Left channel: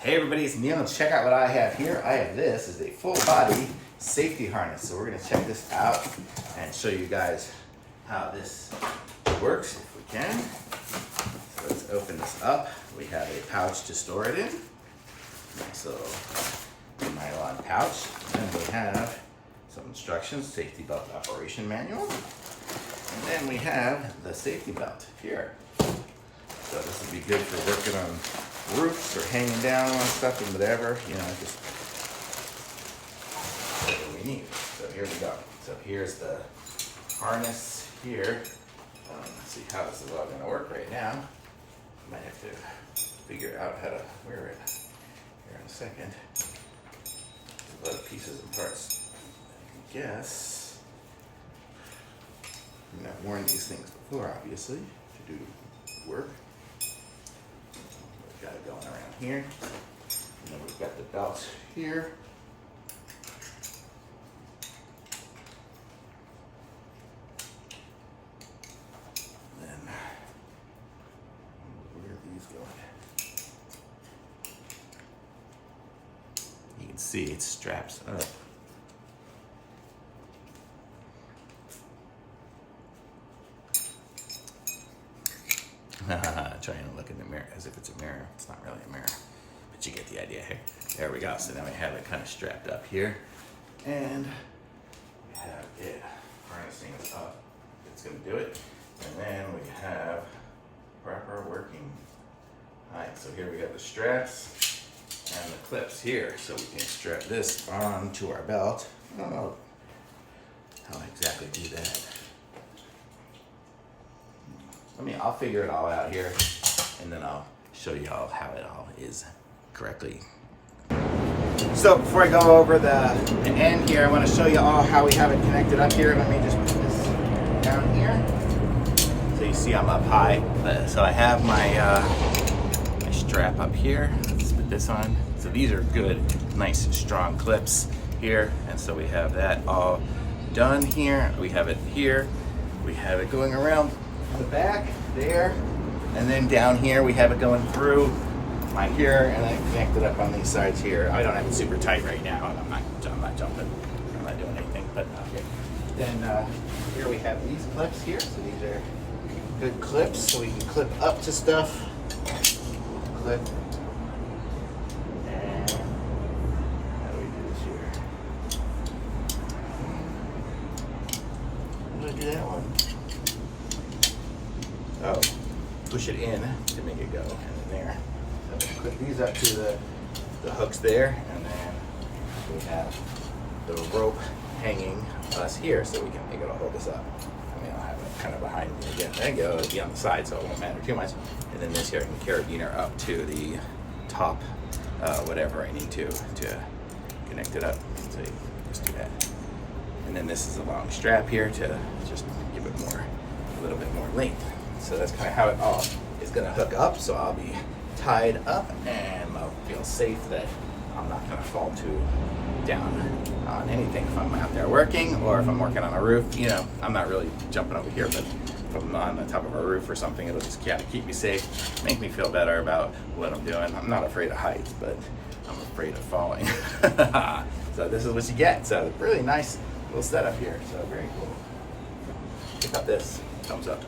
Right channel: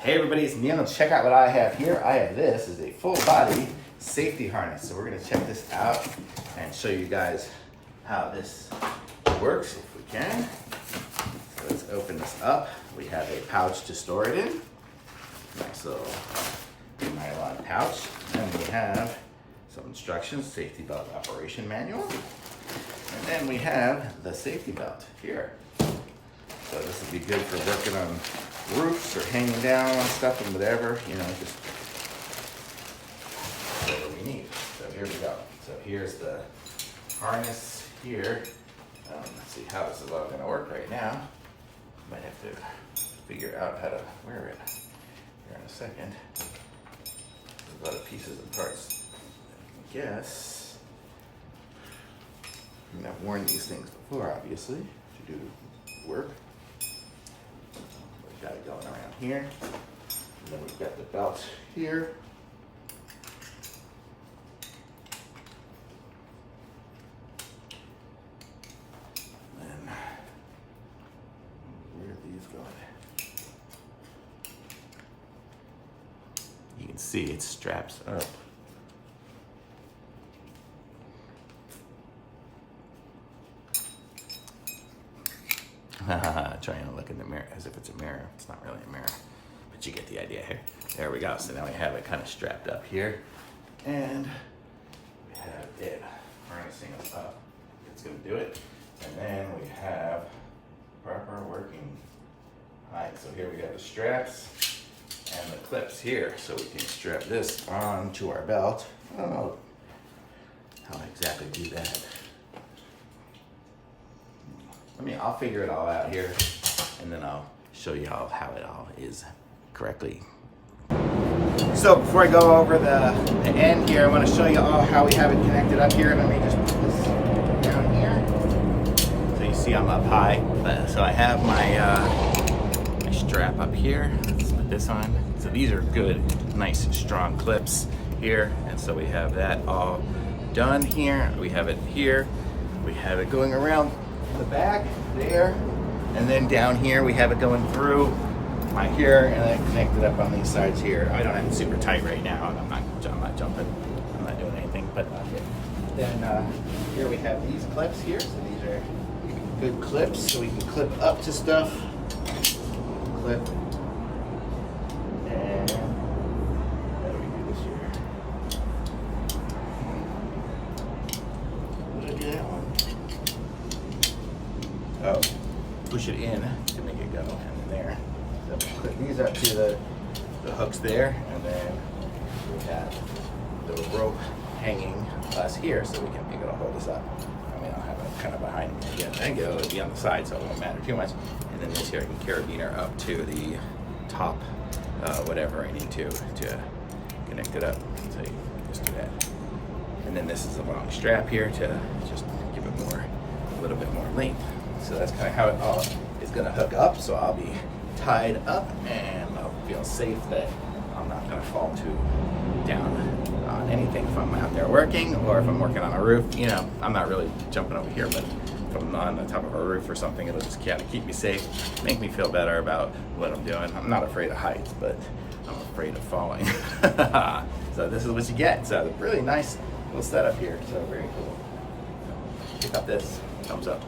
Hey everybody, it's Neil. Check out what I have here. I have this is a full body safety harness. So we're gonna check this out and show you guys how this works if we can. So let's open this up. We have a pouch to store it in. Nice little nylon pouch. And we have some instructions, safety belt operation manual. And then we have the safety belt here. So this would be good for working on roofs or hanging down on stuff and whatever, you know, just whatever we need. So here we go. So here's the harness here. Let's see how this is all gonna work right now. Might have to figure out how to wear it here in a second. There's a lot of pieces and parts. I guess I've not worn these things before, obviously, to do work. Got it going around here. And then we've got the belt here. And where are these going? You can see it straps up. Trying to look in the mirror as if it's a mirror. It's not really a mirror, but you get the idea here. There we go. So now we have it kind of strapped up here, and we have it harnessing us up. It's going to do it, and then we have proper working height. So here we got the straps and the clips here, so we can strap this onto our belt. I don't know how I exactly do that. I'll figure it all out here, and then I'll show you all how it all is correctly. So before I go over the end here, I want to show you all how we have it connected up here. Let me just put this down here. So you see I'm up high. So I have my strap up here. Let's put this on. So these are good, nice, strong clips here. And so we have that all done here. We have it here. We have it going around the back there, and then down here we have it going through my here, and then connected up on these sides here. I don't have it super tight right now, and I'm not jumping, I'm not doing anything, but okay. Then here we have these clips here. So these are good clips, so we can clip up to stuff. Clip. And how do we do this here? How do I do that one? Oh, push it in to make it go in there. So we clip these up to the hooks there, and then we have the rope hanging us here, so we can make it hold us up. I mean, I'll have it kind of behind me again. There you go, it'll be on the side, so it won't matter too much. And then this here, I can carabiner up to the top, whatever I need to connect it up. So you just do that. And then this is a long strap here to just give it a little bit more length. So that's kind of how it all is going to hook up. So I'll be tied up, and I'll feel safe that I'm not going to fall too down on anything if I'm out there working, or if I'm working on a roof. You know, I'm not really jumping over here, but if I'm on the top of a roof or something, it'll just kind of keep me safe, make me feel better about what I'm doing. I'm not afraid of heights, but I'm afraid of falling. So this is what you get. So really nice little setup here. So very cool. Pick up this. Thumbs up.